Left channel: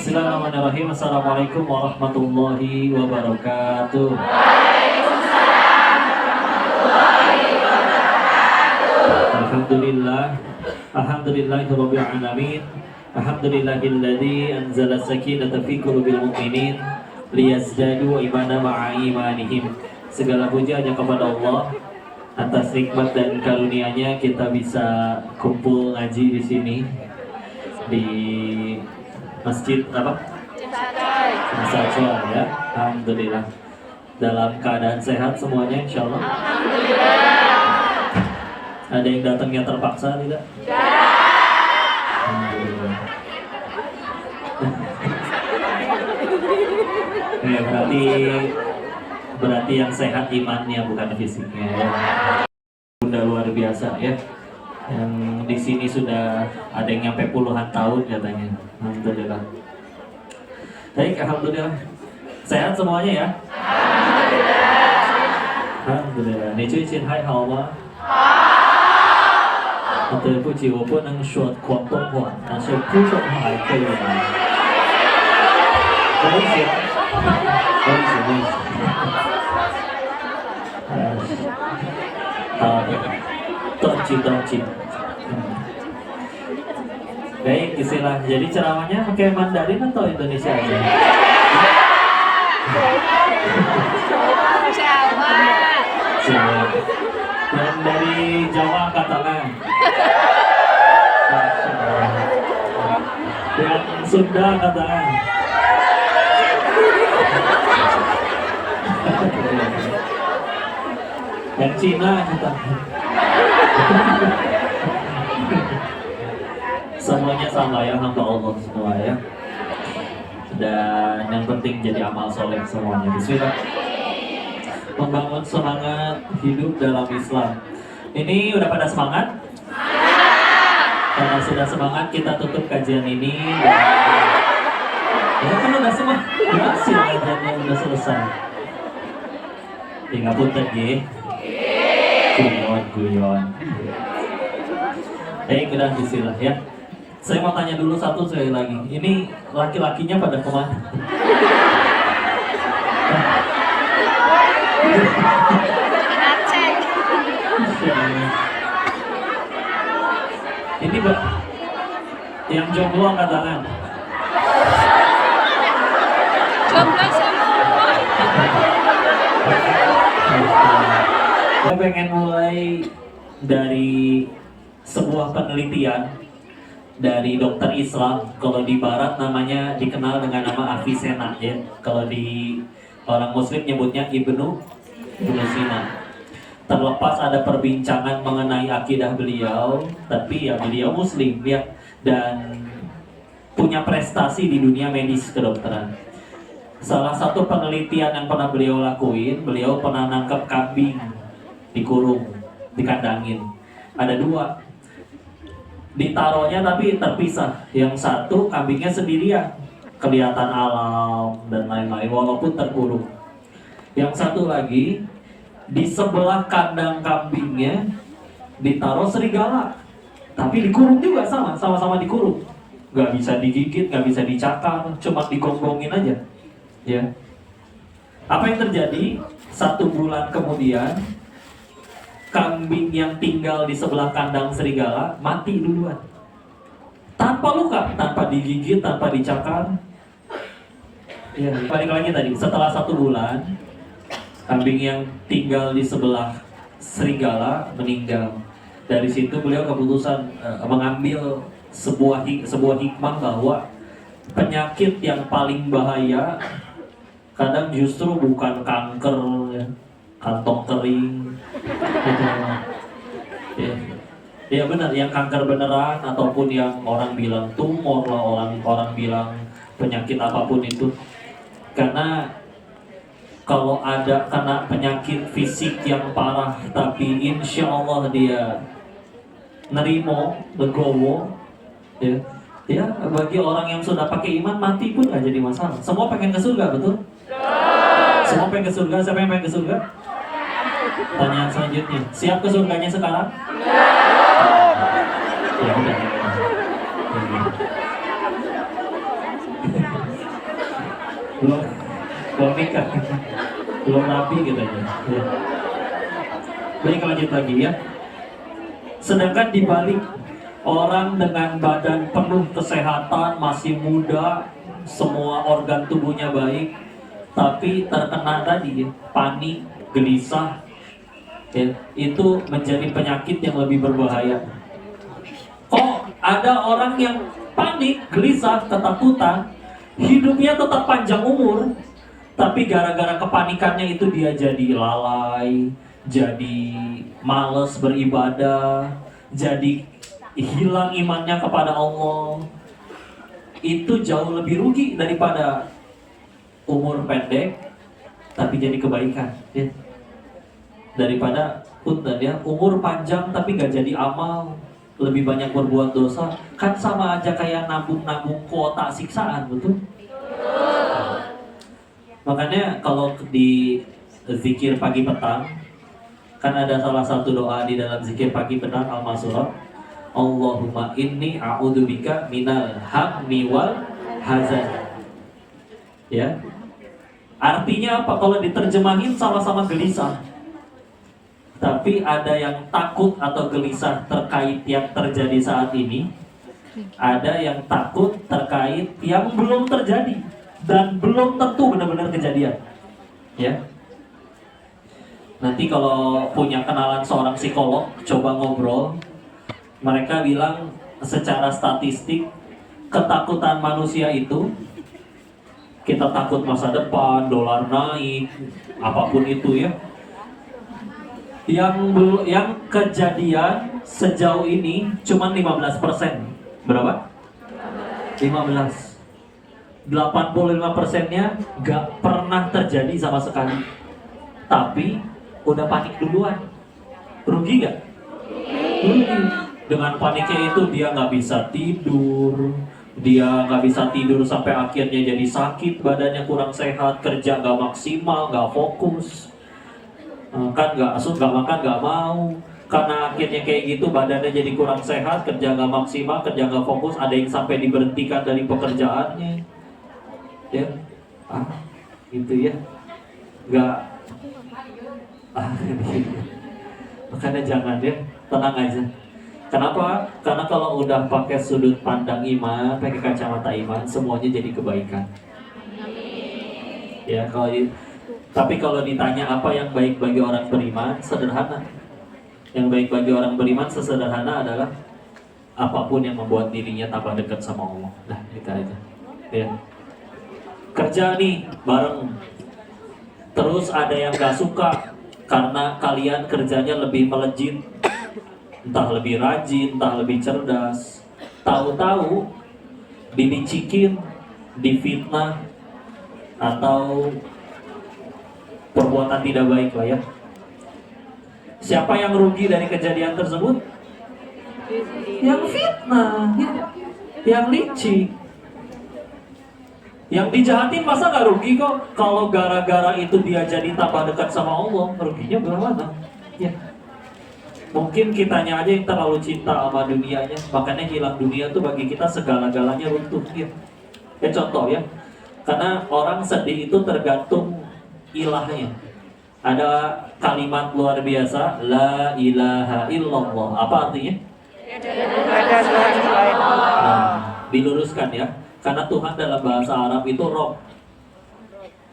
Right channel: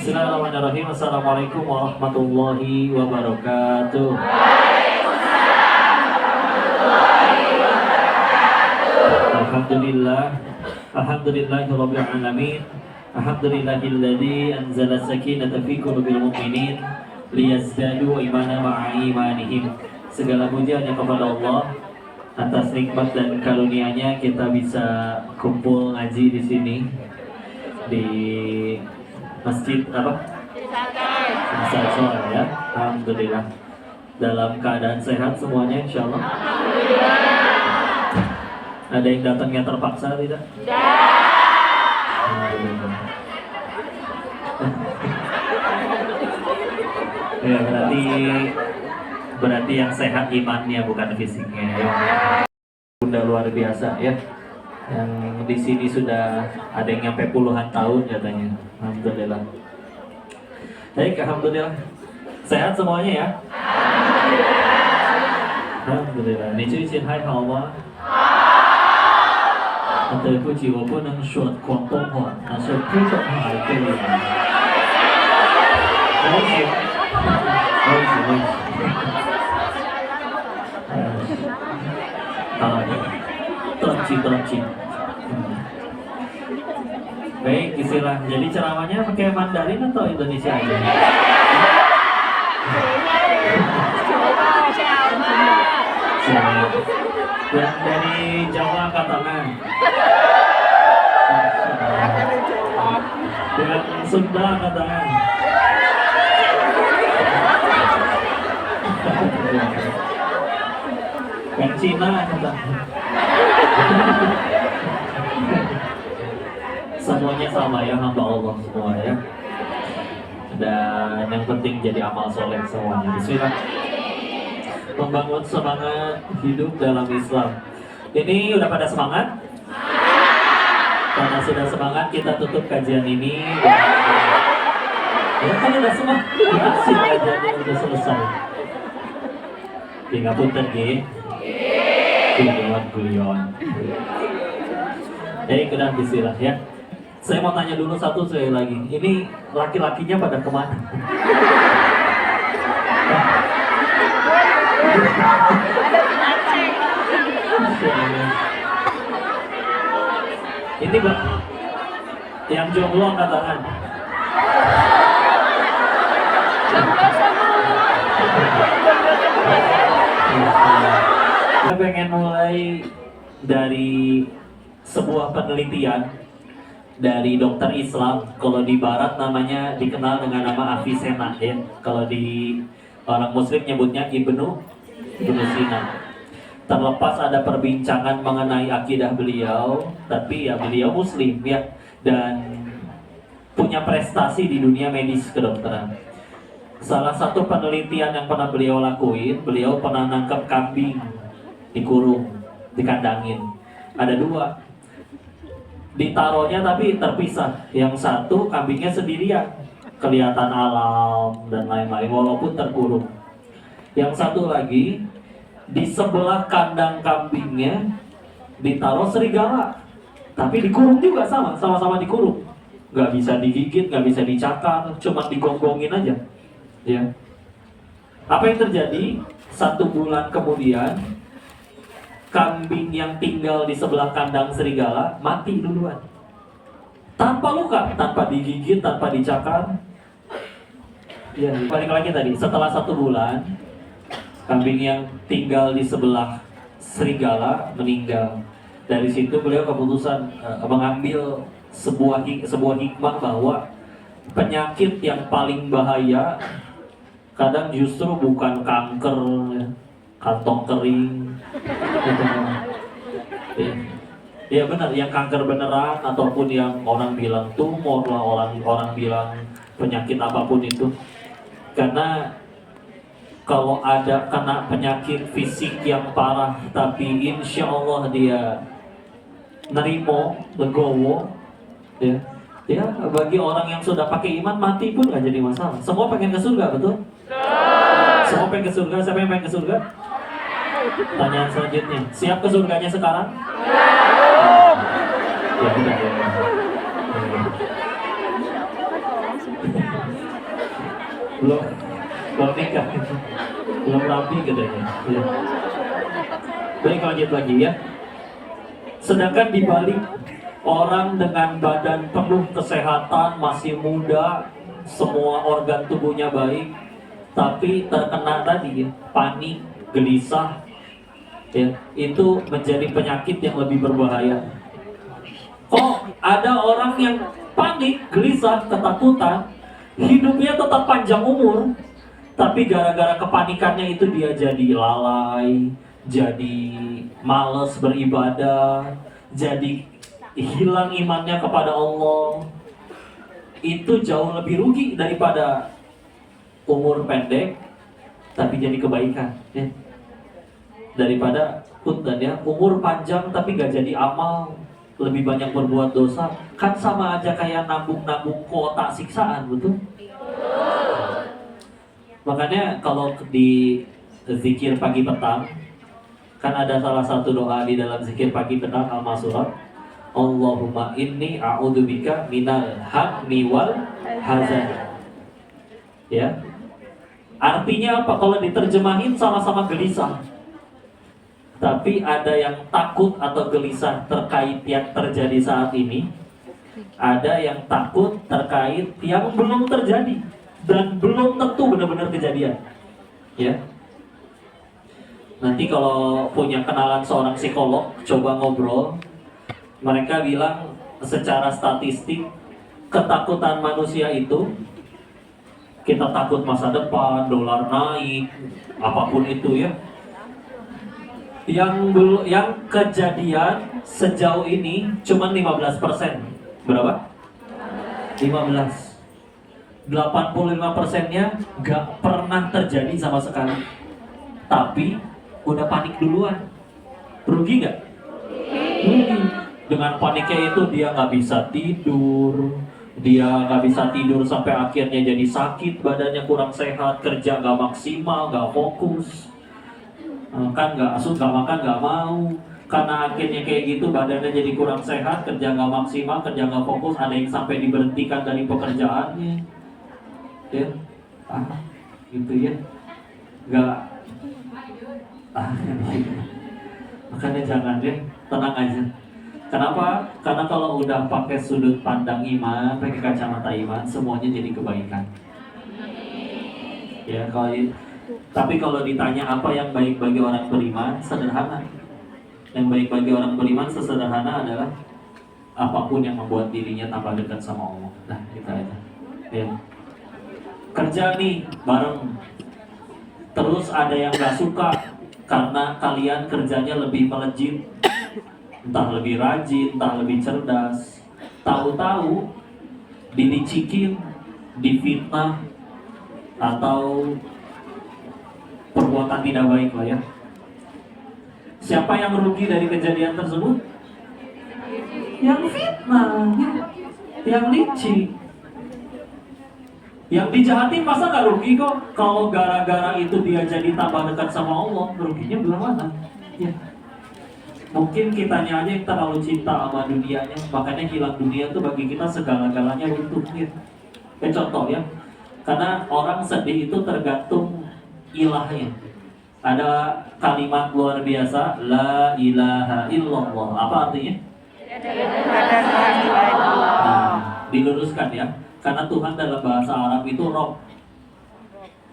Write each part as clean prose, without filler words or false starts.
Bismillahirrahmanirrahim. Assalamualaikum warahmatullahi wabarakatuh. Alhamdulillah. Alhamdulillahirabbil alamin. Alhamdulillahilladzi anzala sakinata fi qulubil mu'minin liyazdadu imanan ma'a imanihim. Segala puja hanya kepada Allah. Atas nikmat dan karunia-Nya kita bisa kumpul ngaji di sini di masjid apa? Masjid ya. Alhamdulillah. Dalam keadaan sehat semuanya insyaallah. Ada yang datangnya terpaksa tidak? Ya, berarti yang sehat imannya bukan fisiknya ya. Bunda luar biasa ya. Yang di sini sudah ada yang nyampe puluhan tahun katanya. Alhamdulillah. Baik, alhamdulillah. Sehat semuanya ya? Alhamdulillah. 你最近还好吗？对不起，我不能说广东话，但是普通话还可以吗？我喜，我喜。好的，断句。Baik, istilah. Jadi ceramahnya pakai Mandarin atau Indonesia aja? Jawa. Yang dari Jawa angkat tangan. Yang Sunda angkat tangan. Yang Cina angkat tangan. Semuanya sama ya, hamba Allah semua ya. Dan yang penting jadi amal soleh semuanya. Bismillah. Membangun semangat hidup dalam Islam. Ini udah pada semangat? Karena sudah semangat kita tutup kajian ini. Ya kan udah semua hasil kajiannya udah selesai. Tinggal punten nggih. Guyon. Baik, udah bismillah ya. Saya mau tanya dulu satu sekali lagi. Ini laki-lakinya pada kemana? Ini gak? Yang jomblo angkat tangan. Kita pengen mulai dari sebuah penelitian dari dokter Islam. Kalau di Barat namanya dikenal dengan nama Avicenna ya. Kalau di orang Muslim nyebutnya Ibnu Sina. Terlepas ada perbincangan mengenai akidah beliau, tapi ya beliau Muslim ya, dan punya prestasi di dunia medis kedokteran. Salah satu penelitian yang pernah beliau lakuin, beliau pernah nangkep kambing, dikurung, dikandangin. Ada dua, ditaruhnya tapi terpisah. Yang satu kambingnya sendirian, kelihatan alam dan lain-lain walaupun terkurung. Yang satu lagi di sebelah kandang kambingnya ditaruh serigala, tapi dikurung juga sama-sama dikurung. Gak bisa digigit, gak bisa dicakar, cuma digonggongin aja. Ya. Apa yang terjadi? 1 bulan kemudian kambing yang tinggal di sebelah kandang serigala mati duluan, tanpa luka, tanpa digigit, tanpa dicakar. Ya, balik lagi tadi, setelah 1 bulan kambing yang tinggal di sebelah serigala meninggal. Dari situ beliau keputusan mengambil sebuah hikmah bahwa penyakit yang paling bahaya kadang justru bukan kanker ya, kantong kering gitu. Ya benar, yang kanker beneran ataupun yang orang bilang tumor lah, orang bilang penyakit apapun itu. Karena kalau ada kena penyakit fisik yang parah tapi insya Allah dia nerimo, legowo ya bagi orang yang sudah pakai iman mati pun gak jadi masalah. Semua pengen ke surga, betul? Semua pengen ke surga. Siapa yang pengen ke surga? Pertanyaan selanjutnya, siap ke surganya sekarang? Ya udah. belum belum nikah, belum rapi katanya. Ya. Baik, lanjut lagi ya. Sedangkan dibalik orang dengan badan penuh kesehatan, masih muda, semua organ tubuhnya baik, tapi terkena tadi ya, panik, gelisah, ya, itu menjadi penyakit yang lebih berbahaya. Kok ada orang yang panik, gelisah, ketakutan, hidupnya tetap panjang umur, tapi gara-gara kepanikannya itu dia jadi lalai, jadi males beribadah, jadi hilang imannya kepada Allah. Itu jauh lebih rugi daripada umur pendek tapi jadi kebaikan ya. Daripada punten ya, umur panjang tapi gak jadi amal, lebih banyak berbuat dosa, kan sama aja kayak nabung-nabung kuota siksaan, betul? Makanya kalau di zikir pagi petang, kan ada salah satu doa di dalam zikir pagi petang Al-Masurat, Allahumma inni a'udzubika minal hammi wal hazan. Ya. Artinya apa? Kalau diterjemahin sama-sama gelisah. Tapi ada yang takut atau gelisah terkait yang terjadi saat ini, ada yang takut terkait yang belum terjadi dan belum tentu benar-benar kejadian. Ya. Nanti kalau punya kenalan seorang psikolog, coba ngobrol. Mereka bilang secara statistik ketakutan manusia itu, kita takut masa depan, dolar naik, apapun itu ya. Yang kejadian sejauh ini cuma 15%. Berapa? 15. 85%-nya gak pernah terjadi sama sekali. Tapi udah panik duluan. Rugi gak? Rugi. Dengan paniknya itu dia gak bisa tidur, dia gak bisa tidur sampai akhirnya jadi sakit, badannya kurang sehat, kerja gak maksimal, gak fokus, kan gak makan gak mau. Karena akhirnya kayak gitu, badannya jadi kurang sehat, kerja gak maksimal, kerja gak fokus, ada yang sampai diberhentikan dari pekerjaannya. Ya, gitu ya, gak. Makanya jangan ya, tenang aja. Kenapa? Karena kalau udah pakai sudut pandang iman, pakai kacamata iman, semuanya jadi kebaikan. Ya, tapi kalau ditanya apa yang baik bagi orang beriman, sederhana. Yang baik bagi orang beriman sesederhana adalah apapun yang membuat dirinya tambah dekat sama Allah. Nah, kita aja. Ya. Kerja nih bareng. Terus ada yang gak suka karena kalian kerjanya lebih melejit, entah lebih rajin, entah lebih cerdas. Tahu-tahu dilicikin, difitnah, atau perbuatan tidak baik lah ya. Siapa yang rugi dari kejadian tersebut? Yang fitnah, yang licik. Yang dijahatin masa gak rugi kok? Kalau gara-gara itu dia jadi tambah dekat sama Allah, ruginya berapa? Ya. Mungkin kitanya aja yang terlalu cinta sama dunianya, makanya hilang dunia tuh bagi kita segala-galanya runtuh ya. Ya contoh ya, karena orang sedih itu tergantung ilahnya. Ada kalimat luar biasa, la ilaha illallah. Apa artinya? Ada Tuhan selain Allah. Nah, diluruskan ya, karena Tuhan dalam bahasa Arab itu Rob.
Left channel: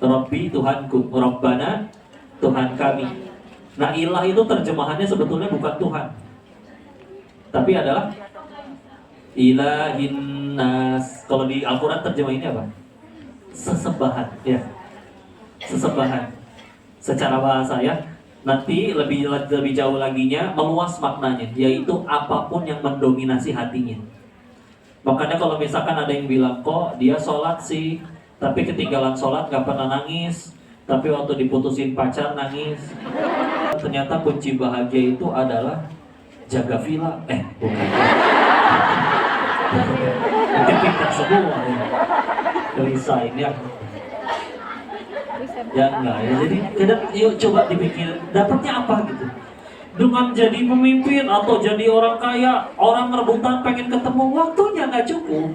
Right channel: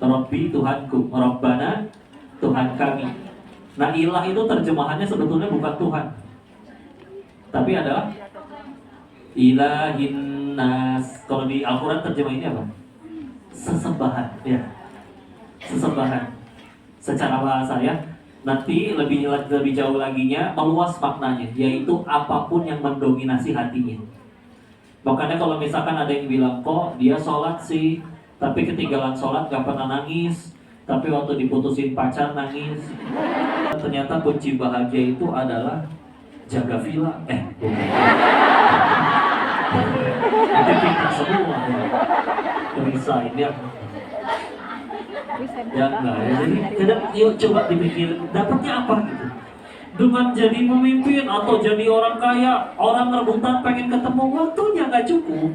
Robbi Tuhanku, Robbana Tuhan kami. Nah, ilah itu terjemahannya sebetulnya bukan Tuhan, tapi adalah ilahin nas. Kalau di Al-Quran terjemahannya apa? Sesembahan ya. Sesembahan secara bahasa ya. Nanti lebih jauh laginya, meluas maknanya, yaitu apapun yang mendominasi hatinya. Makanya kalau misalkan ada yang bilang, kok dia sholat sih, tapi ketinggalan sholat gak pernah nangis, tapi waktu diputusin pacar nangis. Ternyata kunci bahagia itu adalah jaga villa. Bukan. Nanti kita semua resign ya. Ya enggak ya. Jadi kadang yuk coba dipikir dapatnya apa gitu. Dengan jadi pemimpin atau jadi orang kaya, orang rebutan pengen ketemu, waktunya nggak cukup.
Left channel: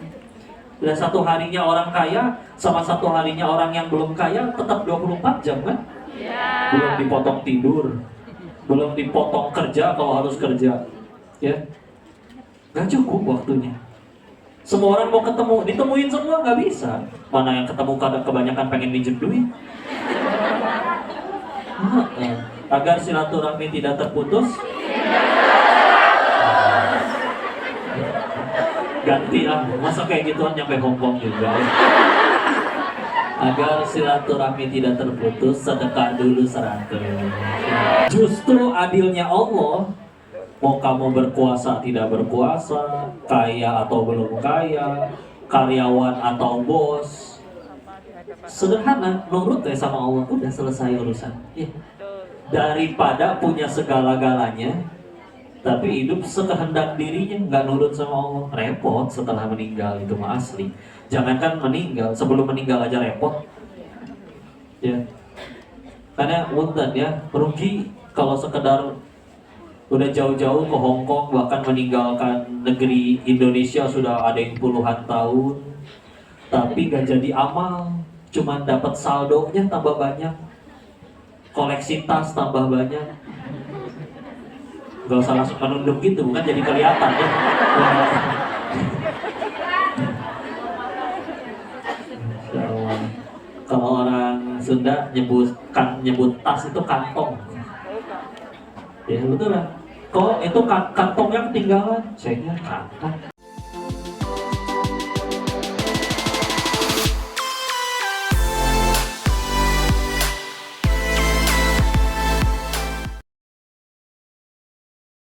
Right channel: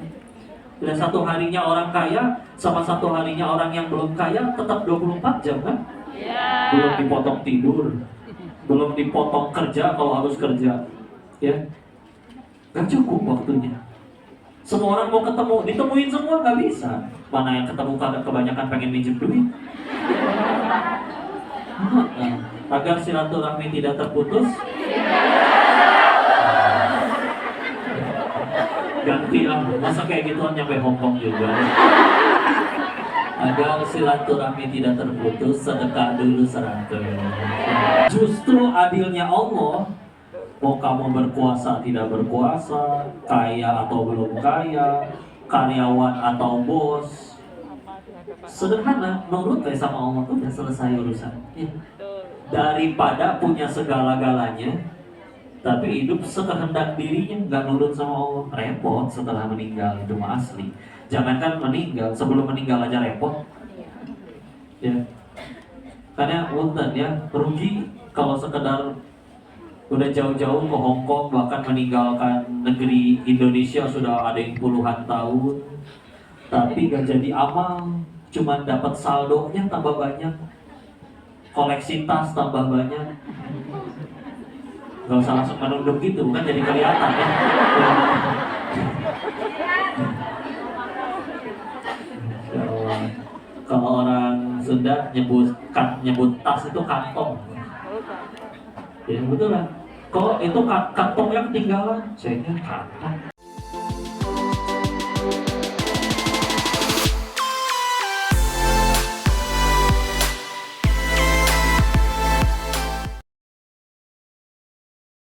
Dan satu harinya orang kaya sama satu harinya orang yang belum kaya tetap 24 jam kan? Belum dipotong tidur, belum dipotong kerja kalau harus kerja, ya nggak cukup waktunya. Semua orang mau ketemu, ditemuin semua nggak bisa. Mana yang ketemu karena kebanyakan pengen minjem duit. Agar silaturahmi tidak terputus, ganti lah, masa kayak gituan nyampe Hongkong juga. Agar silaturahmi tidak terputus, sedekah dulu 100. Justru adilnya Allah, mau kamu berkuasa tidak berkuasa, kaya atau belum kaya, karyawan atau bos, sederhana, nurut deh sama Allah, udah selesai urusan. Ya. Daripada punya segala-galanya tapi hidup sekehendak dirinya, nggak nurut sama Allah, repot setelah meninggal. Itu mah asli. Jangankan meninggal, sebelum meninggal aja repot. Ya, karena punten ya, rugi kalau sekedar udah jauh-jauh ke Hongkong, bahkan meninggalkan negeri Indonesia sudah ada yang puluhan tahun, tapi gak jadi amal, cuman dapat saldonya tambah banyak, koleksi tas tambah banyak. Gak usah langsung menunduk gitu, kan jadi kelihatan ya. Kalau orang Sunda nyebut tas itu kantong. Ya betul lah. Kok itu kantongnya ketinggalan? Saya kantong.